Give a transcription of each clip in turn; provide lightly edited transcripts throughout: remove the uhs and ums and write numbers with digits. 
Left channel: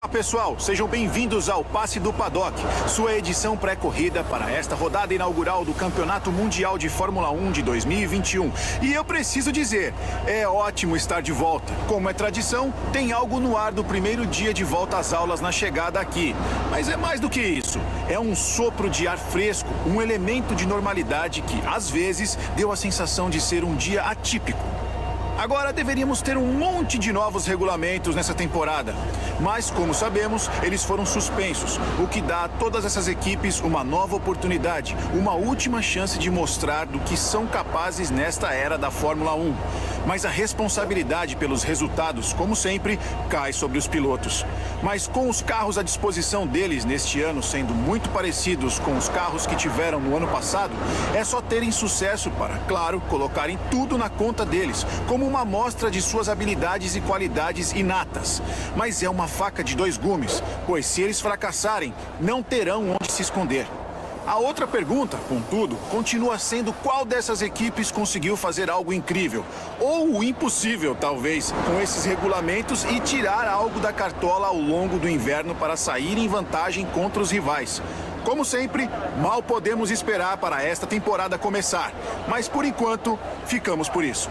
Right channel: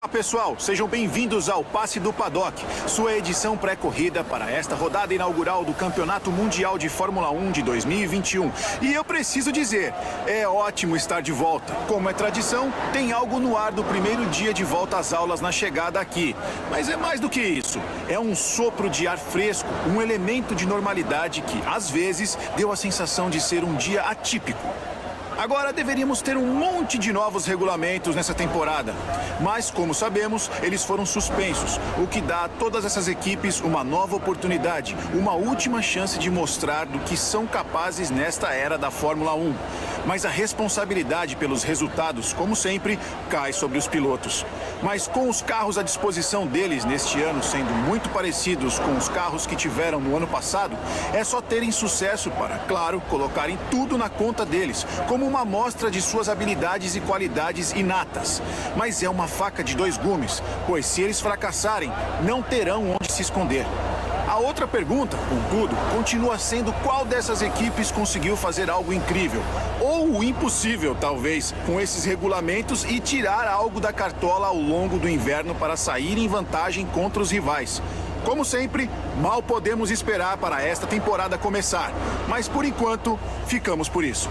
Olá pessoal, sejam bem-vindos ao Passe do Paddock, sua edição pré-corrida para esta rodada inaugural do Campeonato Mundial de Fórmula 1 de 2021. E eu preciso dizer, é ótimo estar de volta. Como é tradição, tem algo no ar do primeiro dia de volta às aulas na chegada aqui. Mas é mais do que isso, é um sopro de ar fresco, um elemento de normalidade que, às vezes, deu a sensação de ser um dia atípico. Agora deveríamos ter um monte de novos regulamentos nessa temporada. Mas, como sabemos, eles foram suspensos, o que dá a todas essas equipes uma nova oportunidade, uma última chance de mostrar do que são capazes nesta era da Fórmula 1. Mas a responsabilidade pelos resultados, como sempre, cai sobre os pilotos. Mas com os carros à disposição deles neste ano sendo muito parecidos com os carros que tiveram no ano passado, é só terem sucesso para, claro, colocarem tudo na conta deles, como uma amostra de suas habilidades e qualidades inatas. Mas é uma faca de dois gumes, pois se eles fracassarem, não terão onde se esconder. A outra pergunta, contudo, continua sendo qual dessas equipes conseguiu fazer algo incrível, ou o impossível, talvez, com esses regulamentos e tirar algo da cartola ao longo do inverno para sair em vantagem contra os rivais. Como sempre, mal podemos esperar para esta temporada começar, mas por enquanto, ficamos por isso.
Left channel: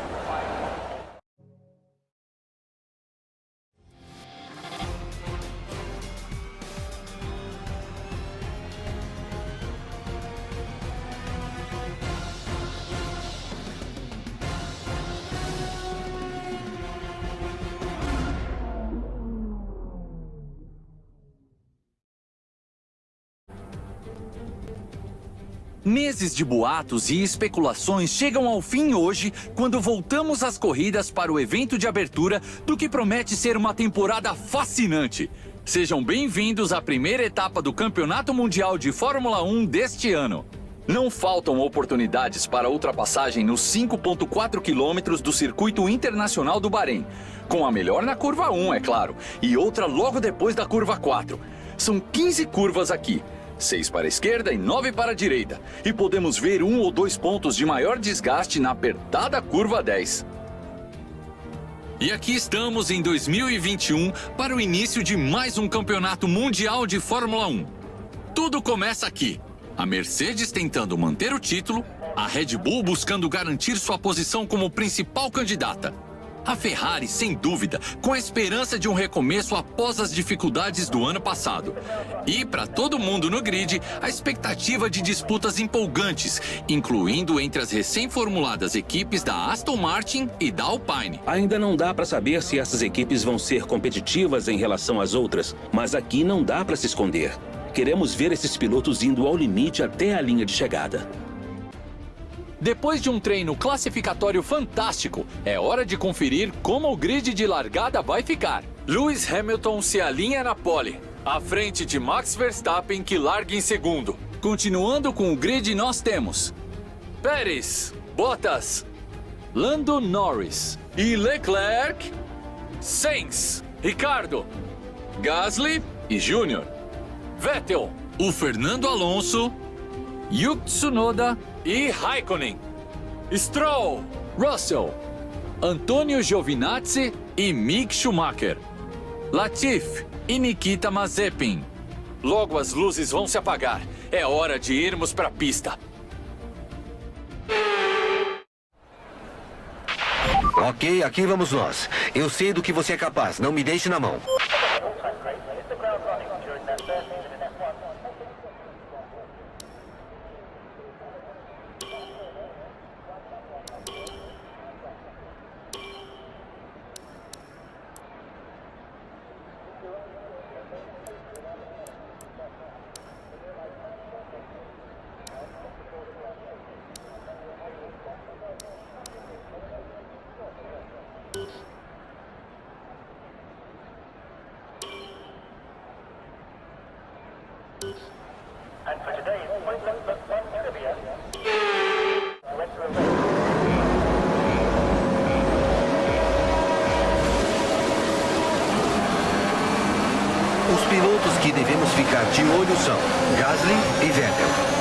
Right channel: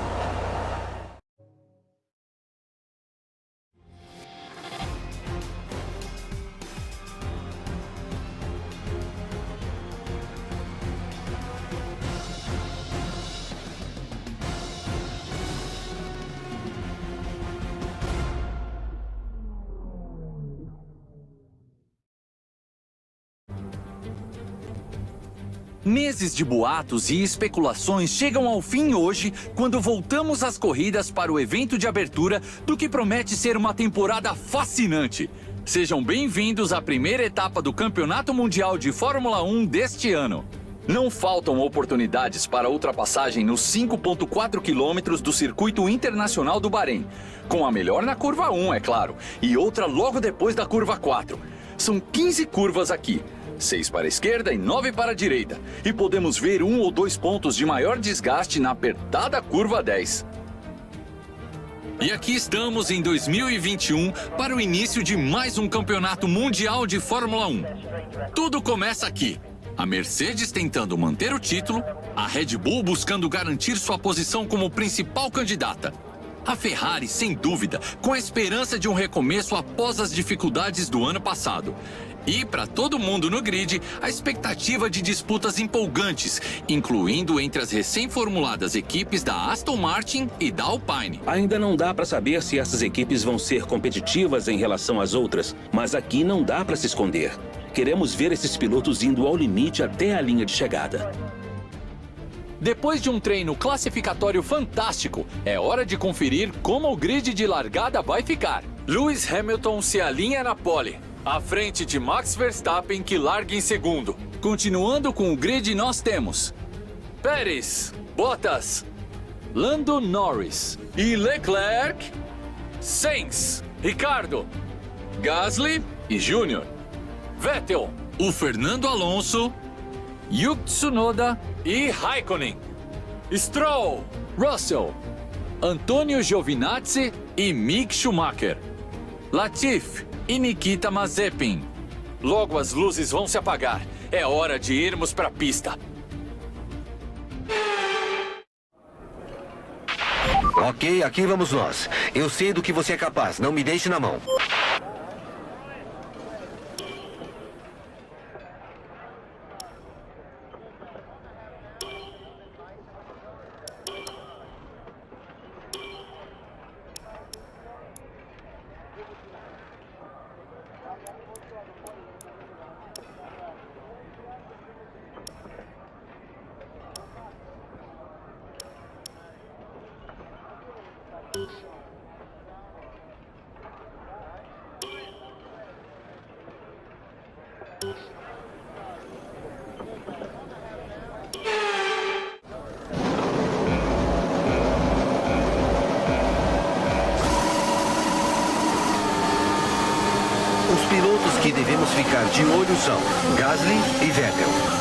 Meses de boatos e especulações chegam ao fim hoje, quando voltamos às corridas para o evento de abertura do que promete ser uma temporada fascinante. Sejam bem-vindos à primeira etapa do Campeonato Mundial de Fórmula 1 deste ano. Não faltam oportunidades para ultrapassagem nos 5,4 quilômetros do Circuito Internacional do Bahrein, com a melhor na curva 1, é claro, e outra logo depois da curva 4. São 15 curvas aqui. 6 para a esquerda e 9 para a direita. E podemos ver 1 ou 2 pontos de maior desgaste na apertada curva 10. E aqui estamos em 2021 para o início de mais um campeonato mundial de Fórmula 1. Tudo começa aqui. A Mercedes tentando manter o título, a Red Bull buscando garantir sua posição como principal candidata. A Ferrari, sem dúvida, com a esperança de um recomeço após as dificuldades do ano passado. E, para todo mundo no grid, a expectativa de disputas empolgantes, incluindo entre as recém-formuladas equipes da Aston Martin e da Alpine. Ainda não dá para saber se essas equipes vão ser competitivas em relação às outras, mas aqui não dá para se esconder. Queremos ver esses pilotos indo ao limite até a linha de chegada. Depois de um treino classificatório fantástico, é hora de conferir como o grid de largada vai ficar. Lewis Hamilton se alinha na pole, à frente de Max Verstappen, que larga em segundo. Continuando com o grid, nós temos Pérez, Bottas, Lando Norris e Leclerc, Sainz, Ricardo, Gasly e Júnior, Vettel, o Fernando Alonso, Yuki Tsunoda e Raikkonen, Stroll, Russell, Antonio Giovinazzi e Mick Schumacher, Latifi e Nikita Mazepin. Logo as luzes vão se apagar. É hora de irmos para a pista. Ok, aqui vamos nós. Eu sei do que você é capaz, não me deixe na mão. Os pilotos que devemos ficar de olho são Gasly e Vettel.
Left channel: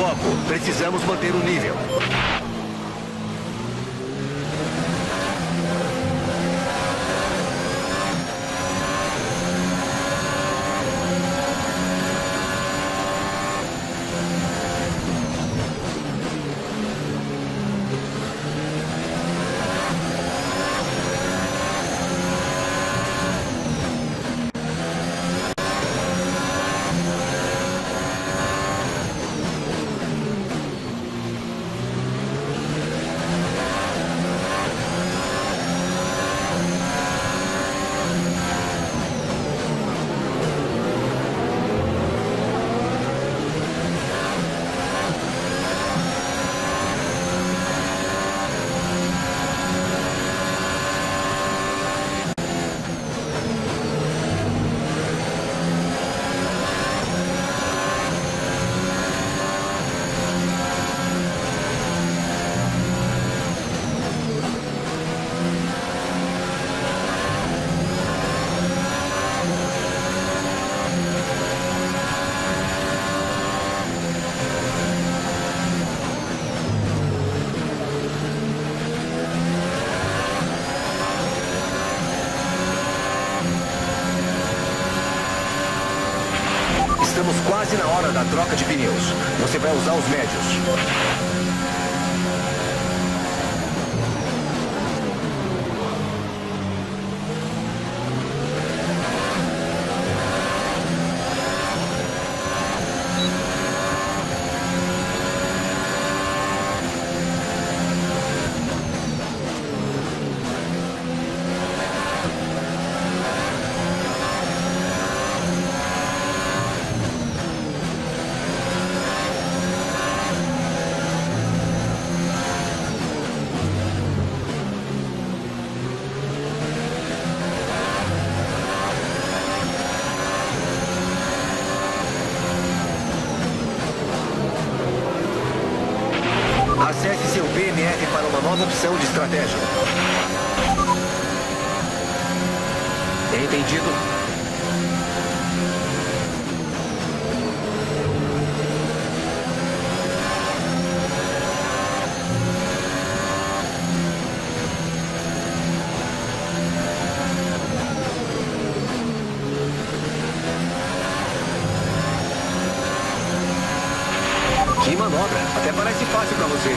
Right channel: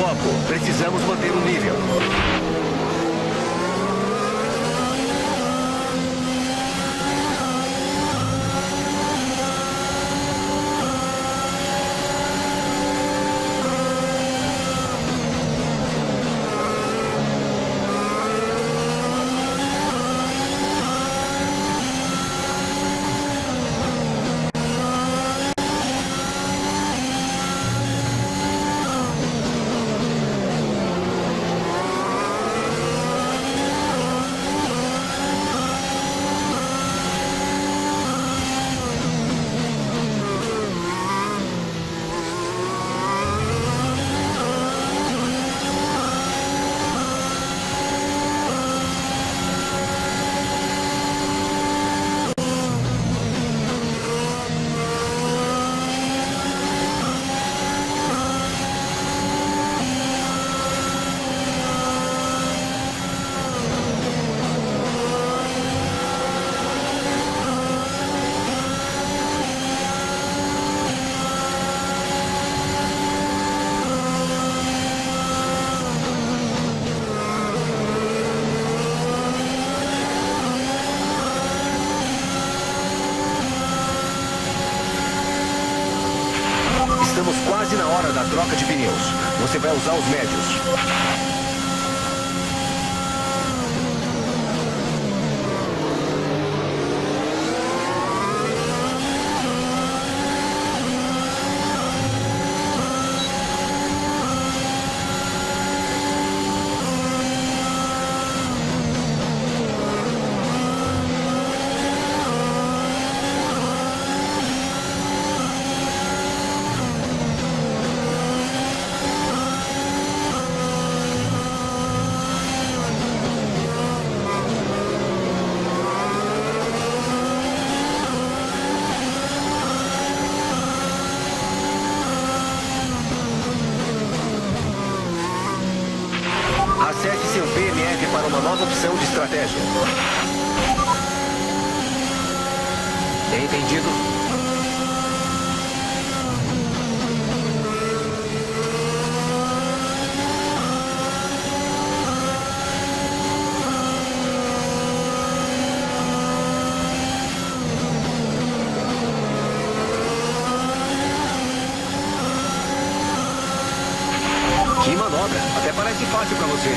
Foco. Precisamos manter o nível. Estamos quase na hora da troca de pneus. Você vai usar os médios. Acesse seu PMF para uma nova opção de estratégia. Entendido? Que manobra! Até parece fácil para você.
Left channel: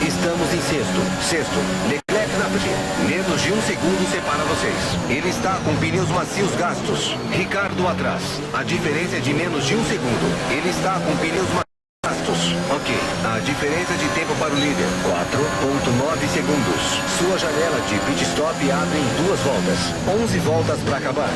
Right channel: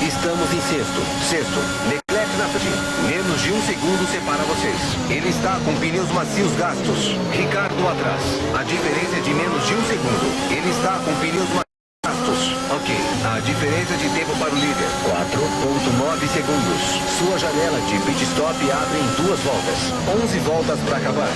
Estamos em sexto. Leclerc na frente. Menos de 1 segundo separa vocês. Ele está com pneus macios gastos. Ricardo atrás. A diferença é de menos de 1 segundo. Ele está com pneus macios. Ok, a diferença de tempo para o líder, 4,9 segundos. Sua janela de pit stop abre em 2 voltas. 11 voltas para acabar.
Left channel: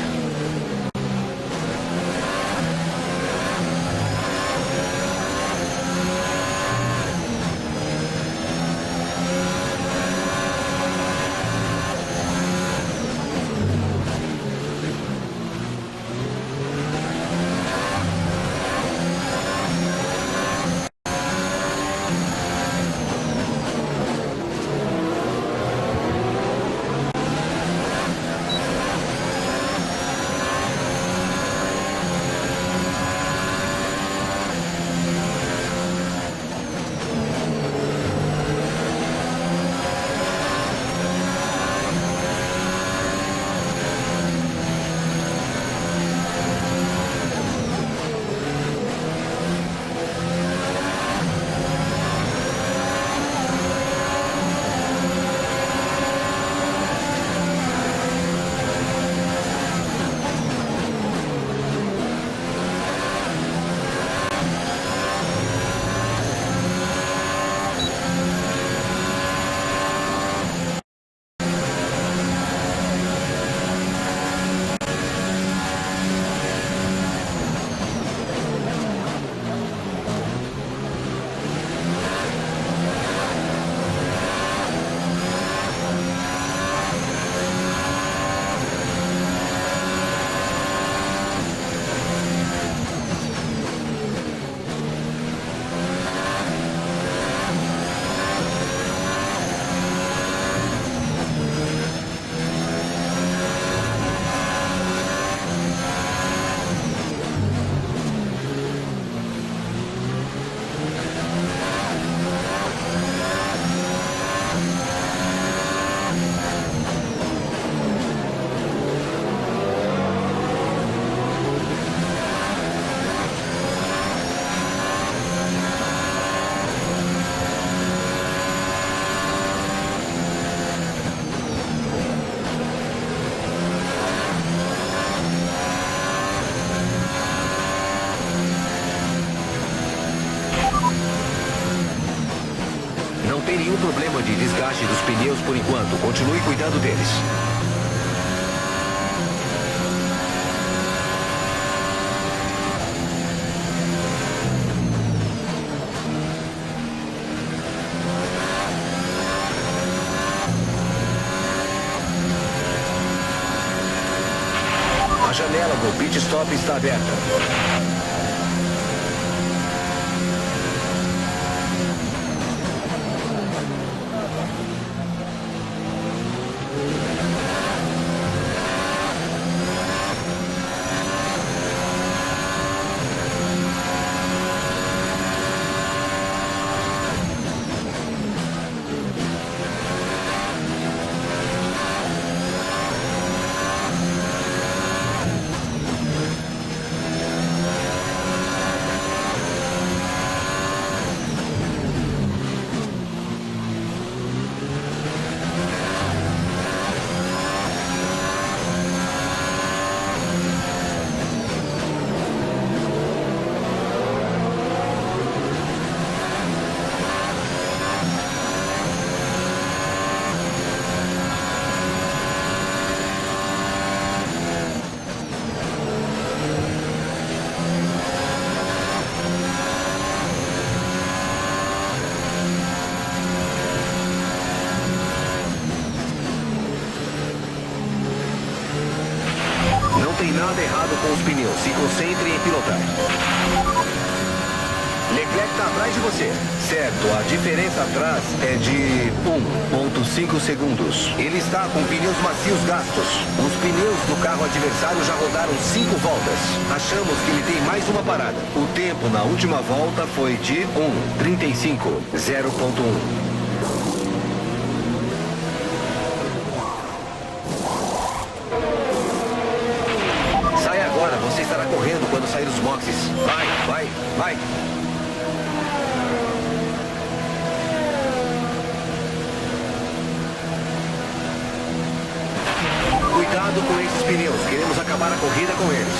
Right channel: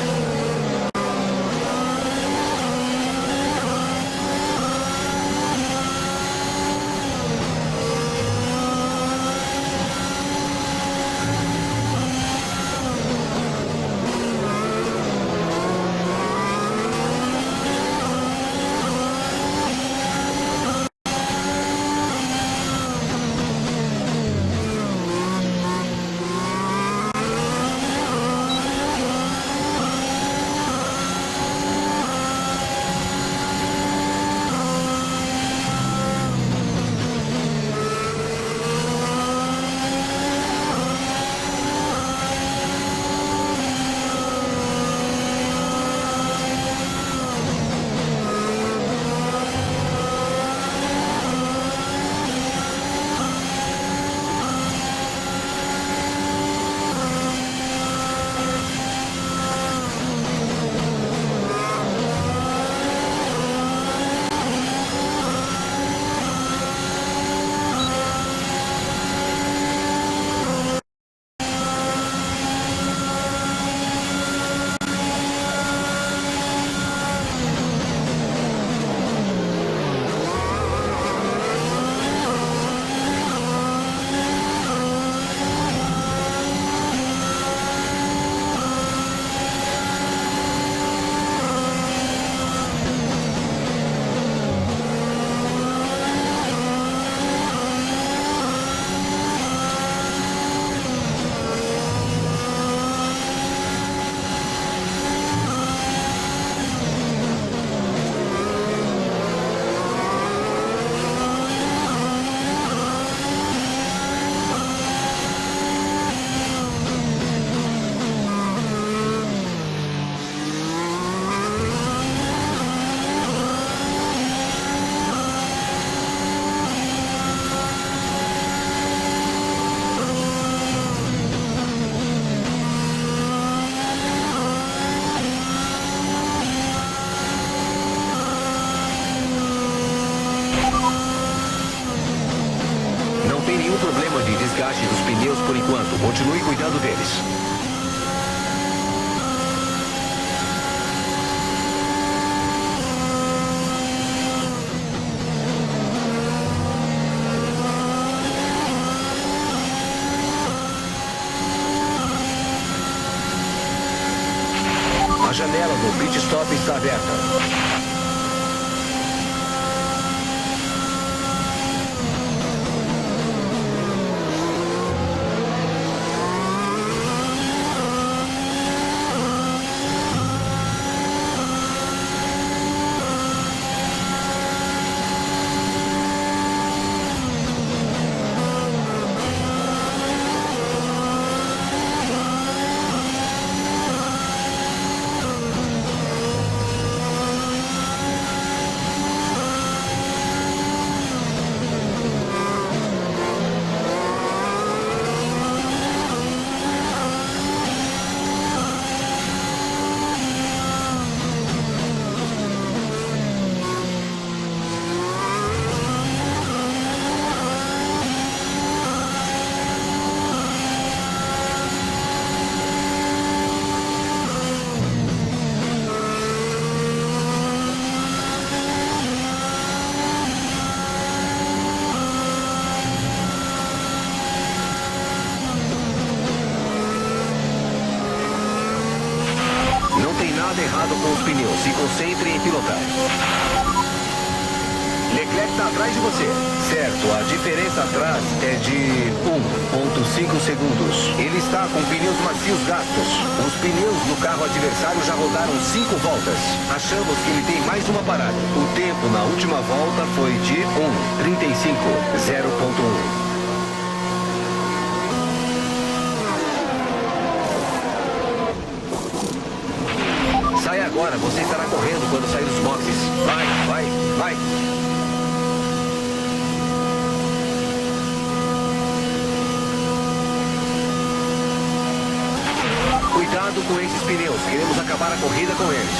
Não tem nenhum problema de desgaste dos pneus por enquanto. Continue cuidando deles. A janela do pit stop está aberta. Não tem nada errado com os pneus. Se concentre em pilotar. Leclerc está atrás de você. Certo, a diferença atrás é de 1,5 segundos. Ele está com pneus macios gastos. Os pneus do carro adversário já rodaram 5 voltas. Achamos que ele tem mais uma parada. O tempo na última volta foi de 1,35, 0,1. Sai agora, você estará correndo quando sair dos boxes. Vai, vai, vai. Cuidado com esses pneus, queremos acabar a corrida com eles.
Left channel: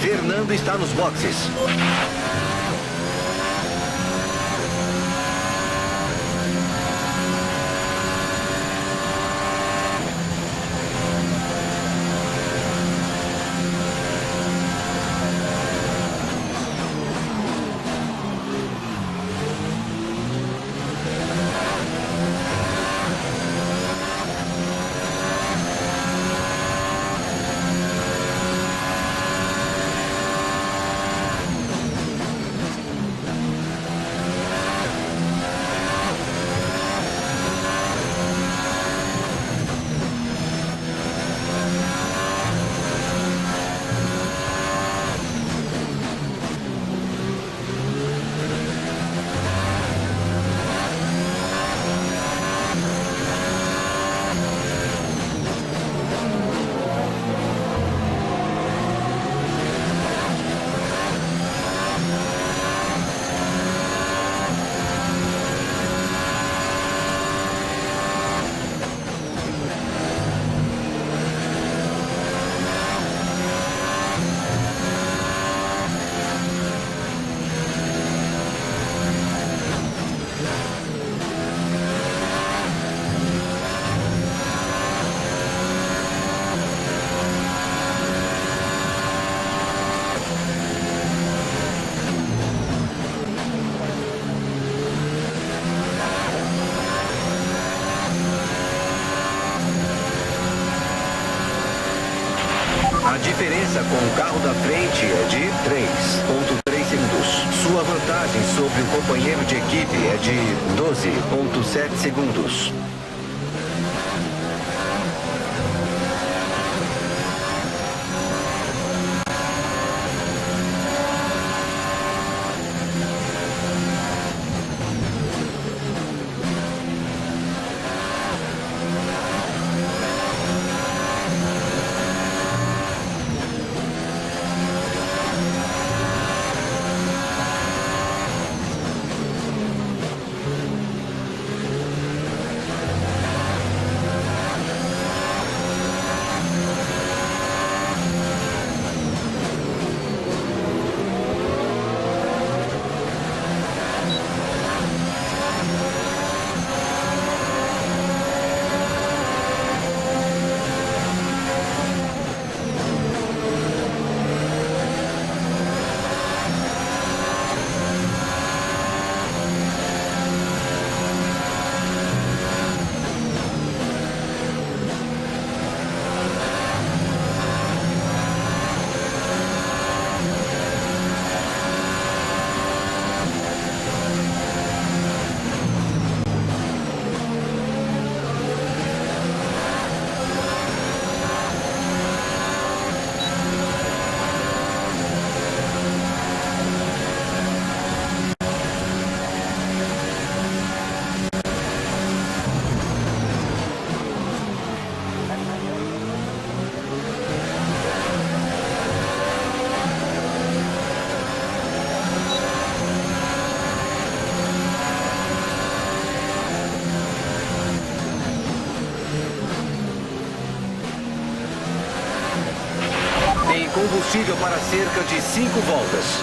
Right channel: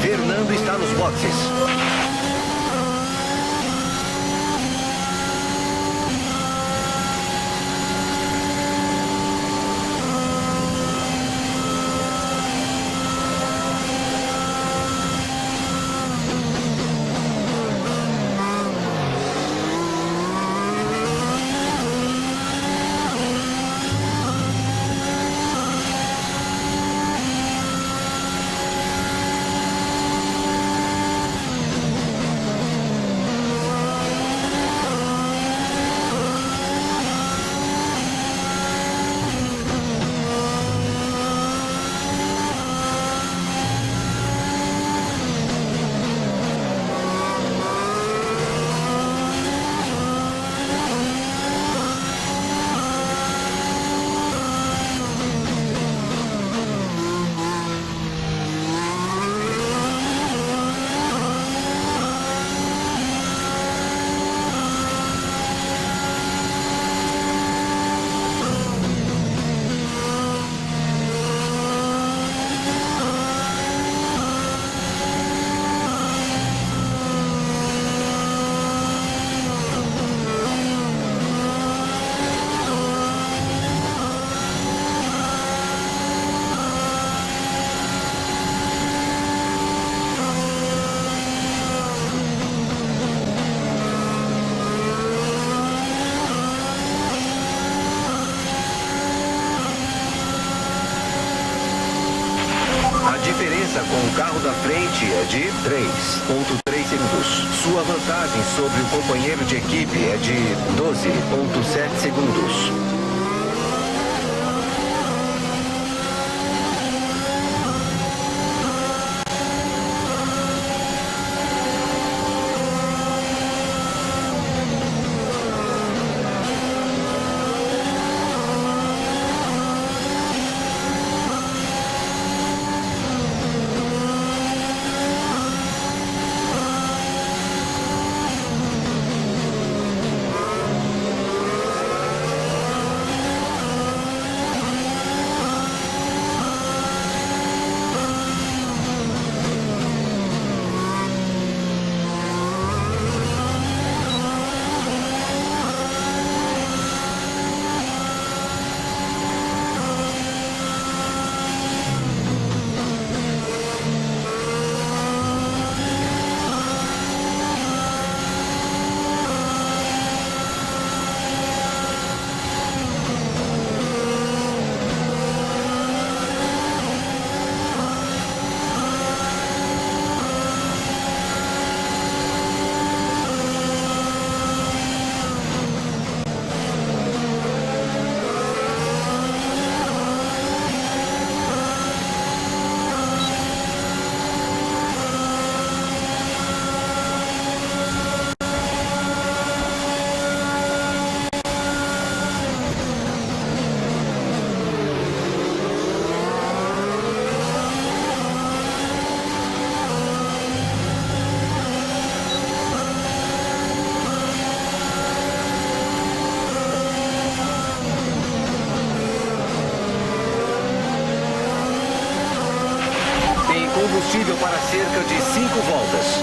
Fernando está nos boxes. diferença com o carro da frente é de 3,3 segundos. Sua vantagem sobre o companheiro de equipe é de 12,7 segundos. Tem combustível para cerca de 5 voltas.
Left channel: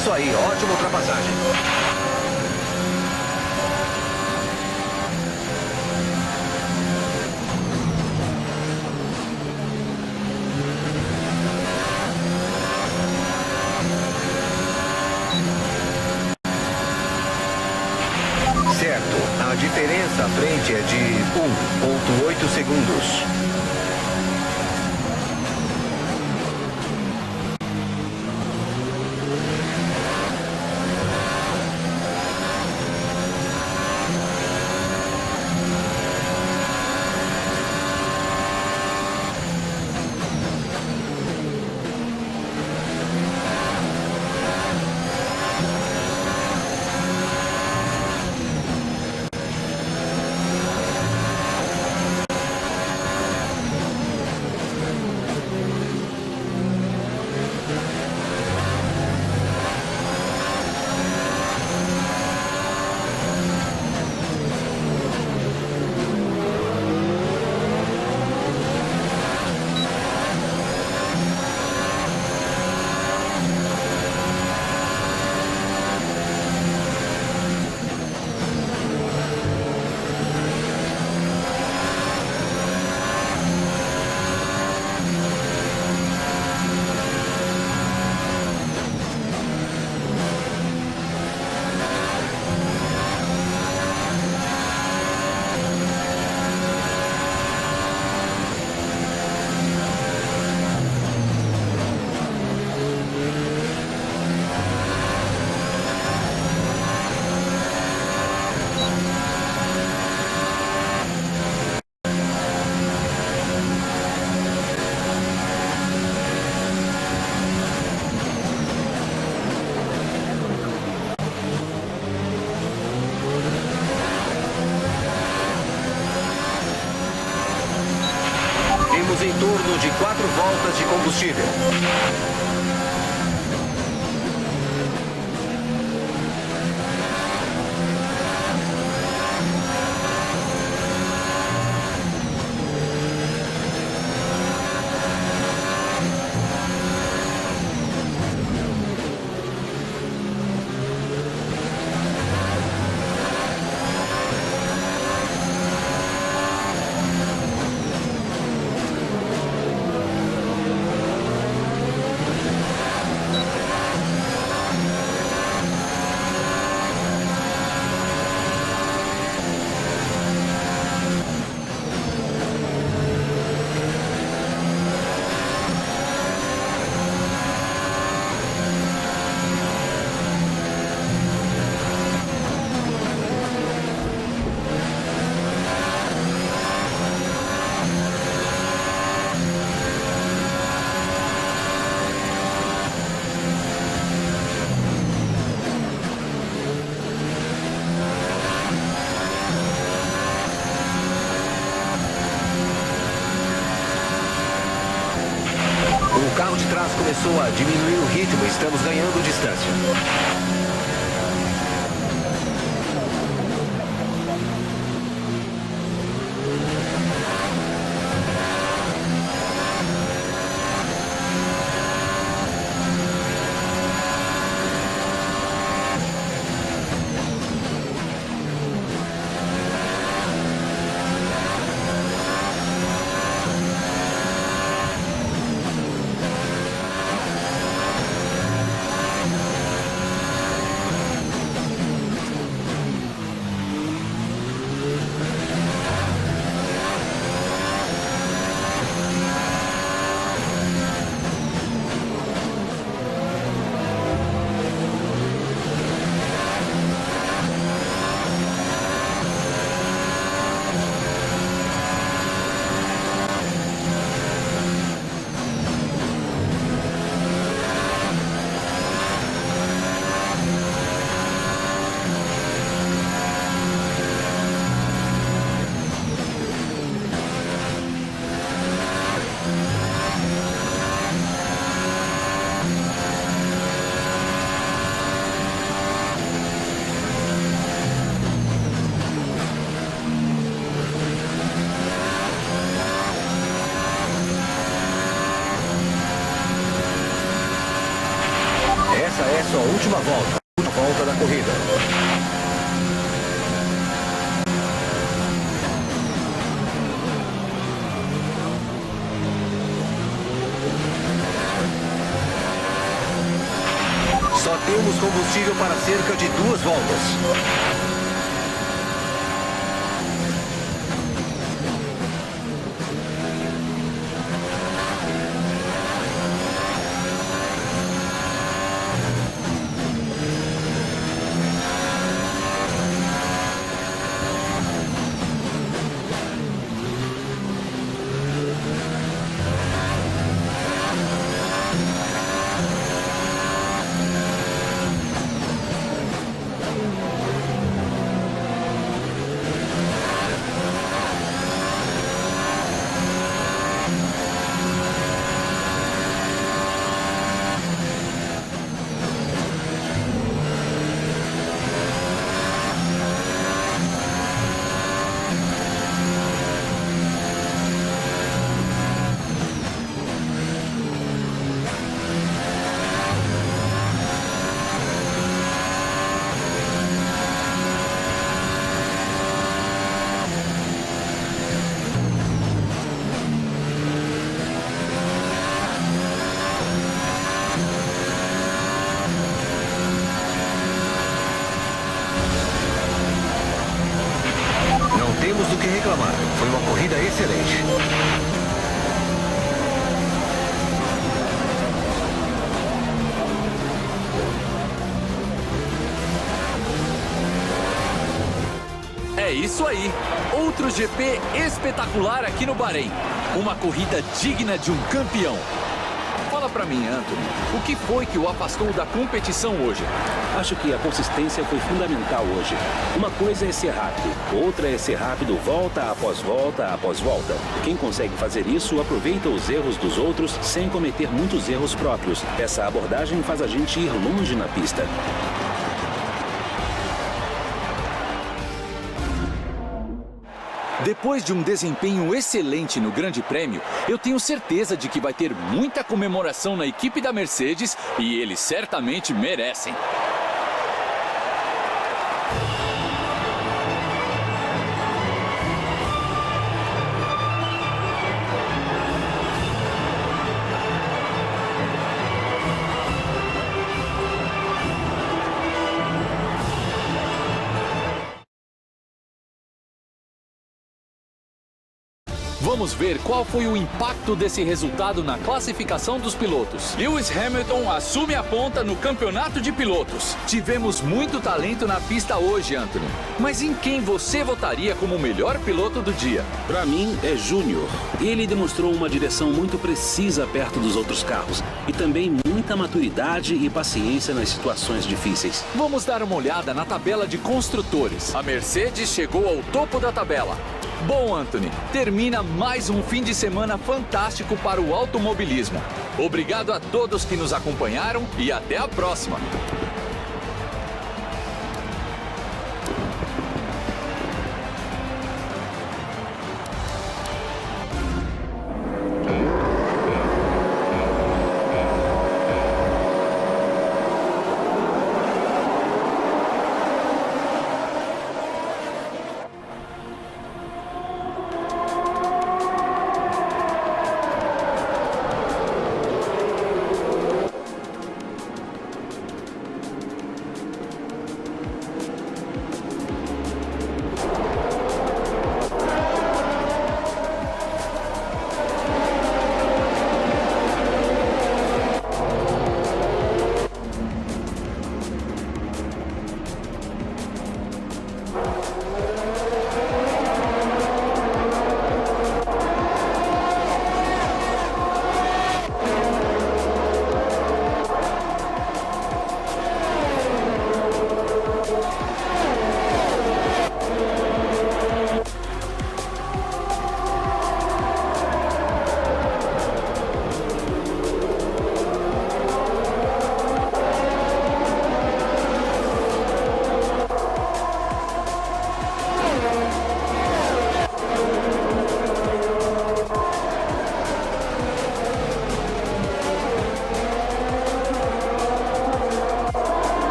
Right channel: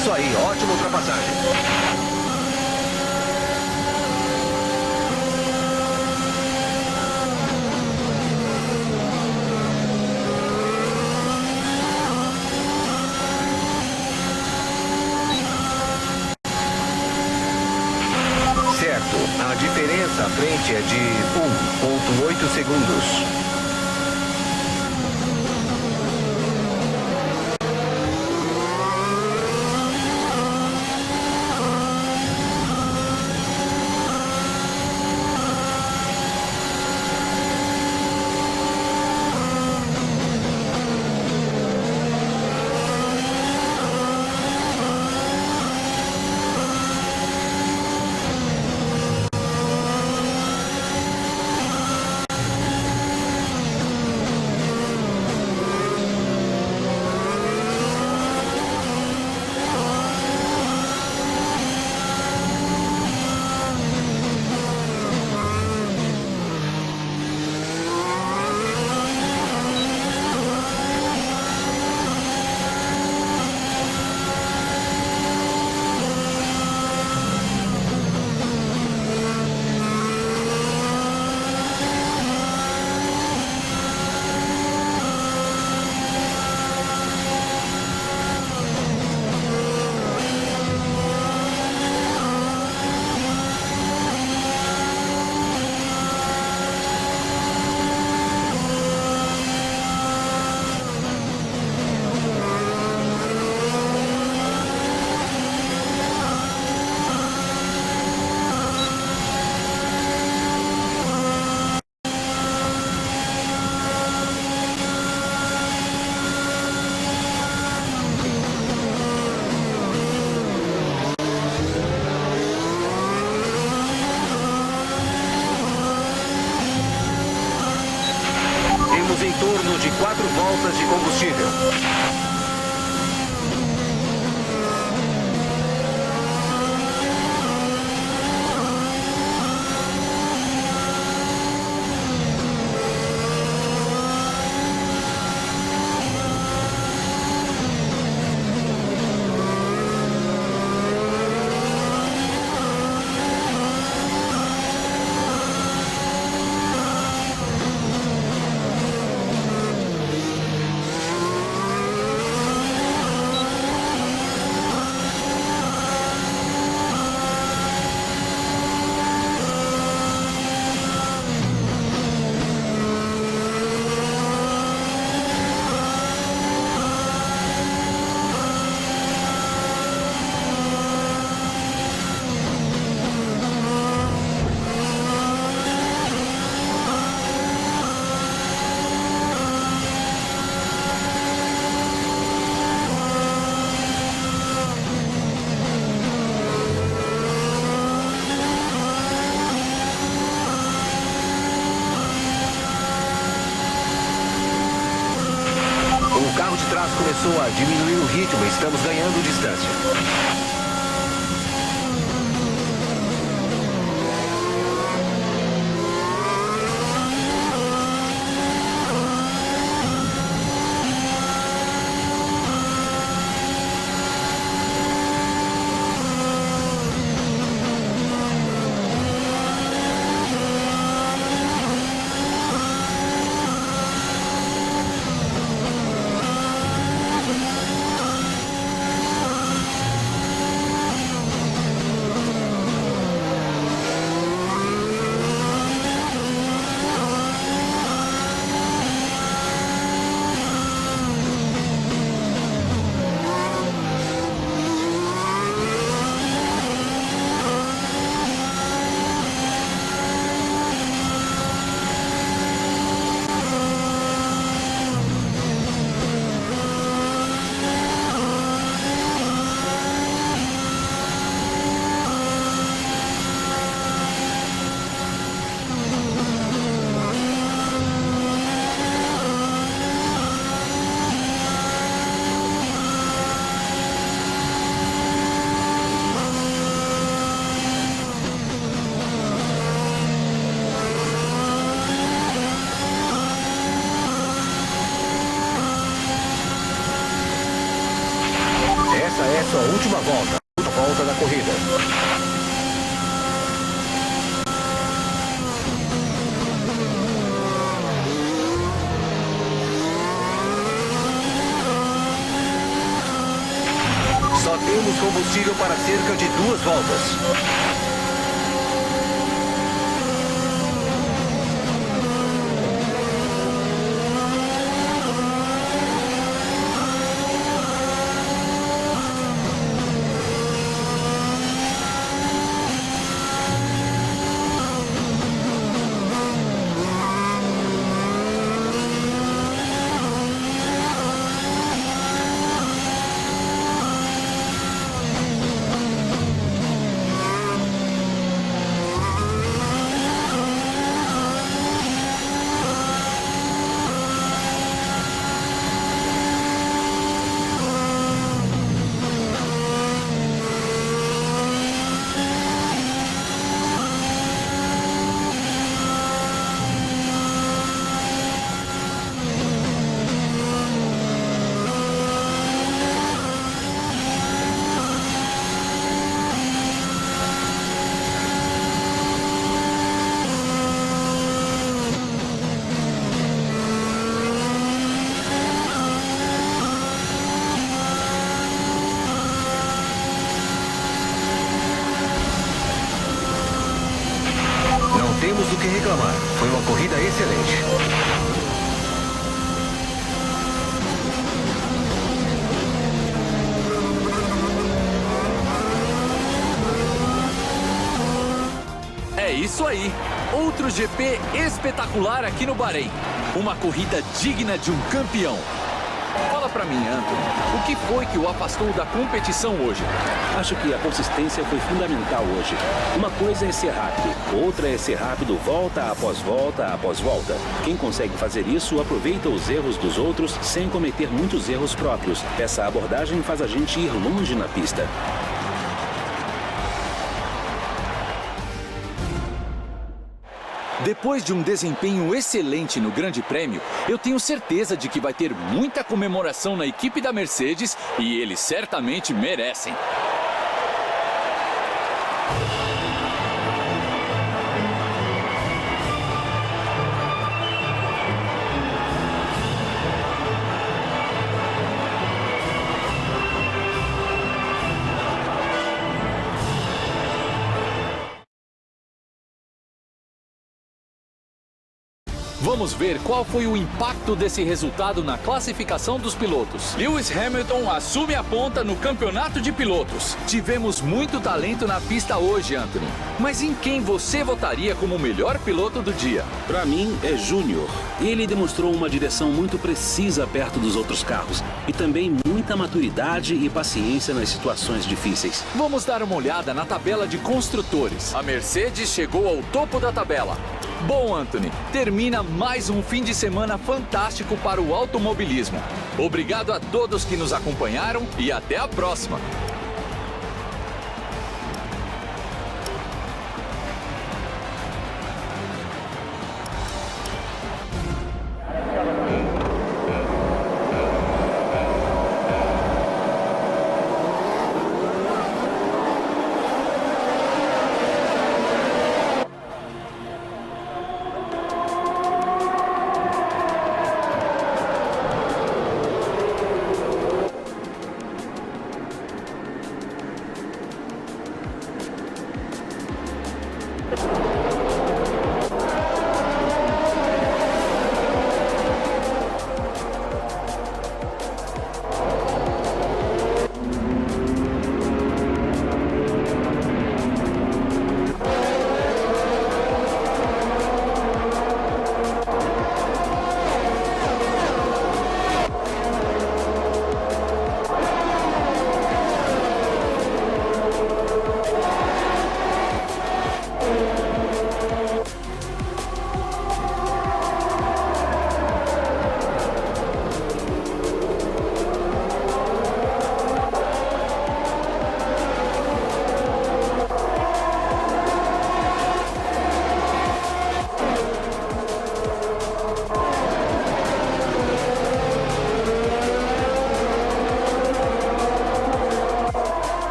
Isso aí, ótima ultrapassagem. Certo, a diferença à frente é de 1,8 segundos. de 4 voltas de combustível. O carro de trás começou a diminuir o ritmo e estamos ganhando distância. Essa é sua última volta. A volta da corrida. Só temos combustível para cerca de 2 voltas. Não temos do que reclamar. Foi uma corrida excelente. É isso aí. Outro GP espetacular aqui no Bahrein. Uma corrida digna de um campeão. Fala pra mim, Anthony, o que foi que o afastou da competição hoje? Acho que a consistência foi fundamental hoje. Uma coisa é ser rápido, outra é ser rápido volta após volta após volta. Quem consegue fazer isso aproveita os erros dos outros sem cometer muitos erros próprios. Essa abordagem faz a gente ir longe na pista. Depois de um desempenho excelente no Grande Prêmio, eu tenho certeza de que vai ter muita comemoração na equipe da Mercedes e eles certamente merecem. Vamos ver qual foi o impacto desse resultado na classificação dos pilotos. Lewis Hamilton assume a ponta no campeonato de pilotos. Tivemos muito talento na pista hoje, Anthony. Mas em quem você votaria como o melhor piloto do dia? Para mim, é Júnior. Ele demonstrou uma direção muito precisa perto dos outros carros e também muita maturidade e paciência nas situações difíceis. Vamos dar uma olhada na tabela de construtores. A Mercedes chegou ao topo da tabela. Bom, Anthony, termina mais um fim de semana fantástico para o automobilismo. Obrigado a todos que nos acompanharam e até a próxima.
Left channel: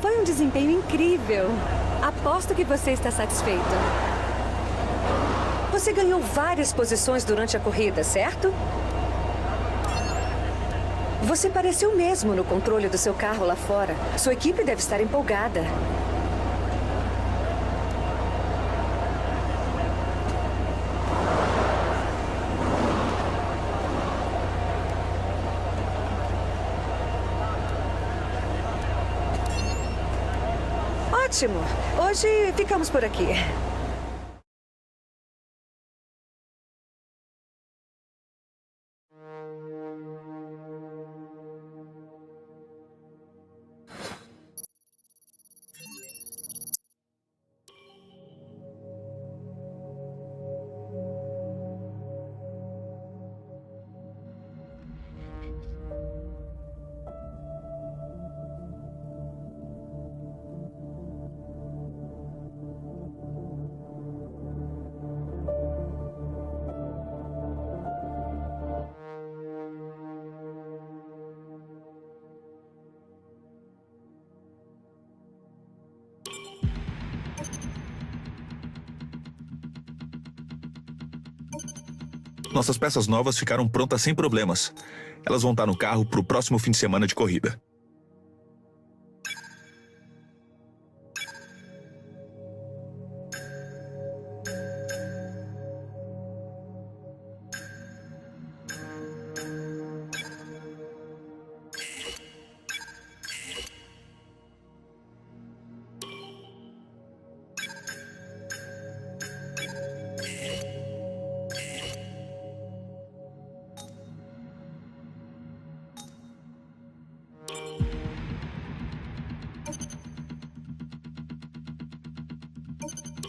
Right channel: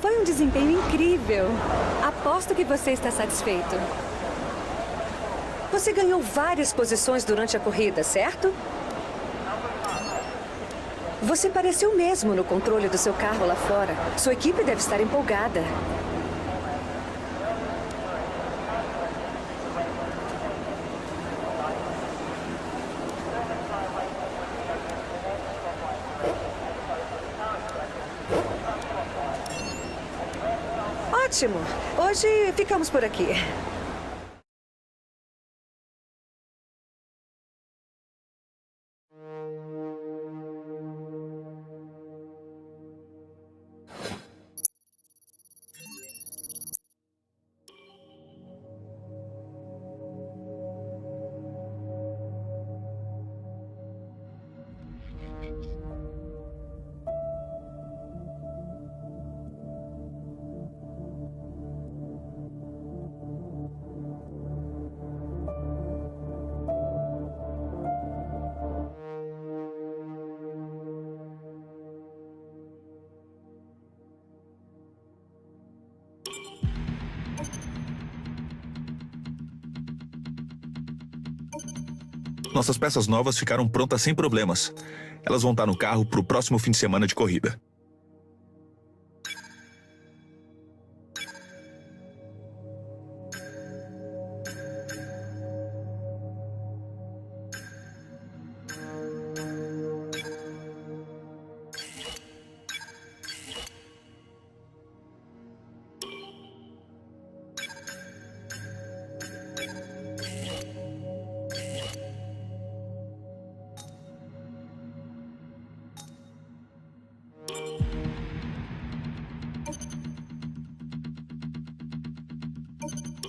Foi um desempenho incrível. Aposto que você está satisfeito. Você ganhou várias posições durante a corrida, certo? Você pareceu mesmo no controle do seu carro lá fora. Sua equipe deve estar empolgada. Ótimo. Hoje ficamos por aqui. Nossas peças novas ficaram prontas sem problemas. Elas vão estar no carro para o próximo fim de semana de corrida.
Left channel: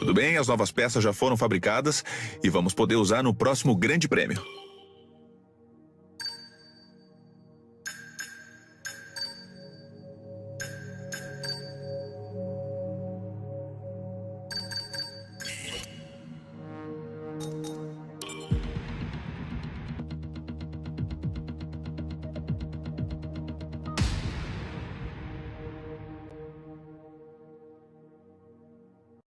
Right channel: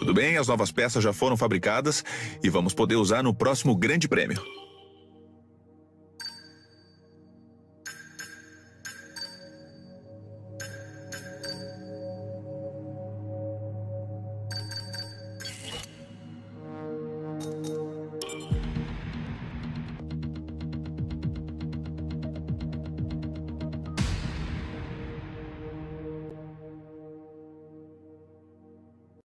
Tudo bem, as novas peças já foram fabricadas e vamos poder usar no próximo Grande Prêmio.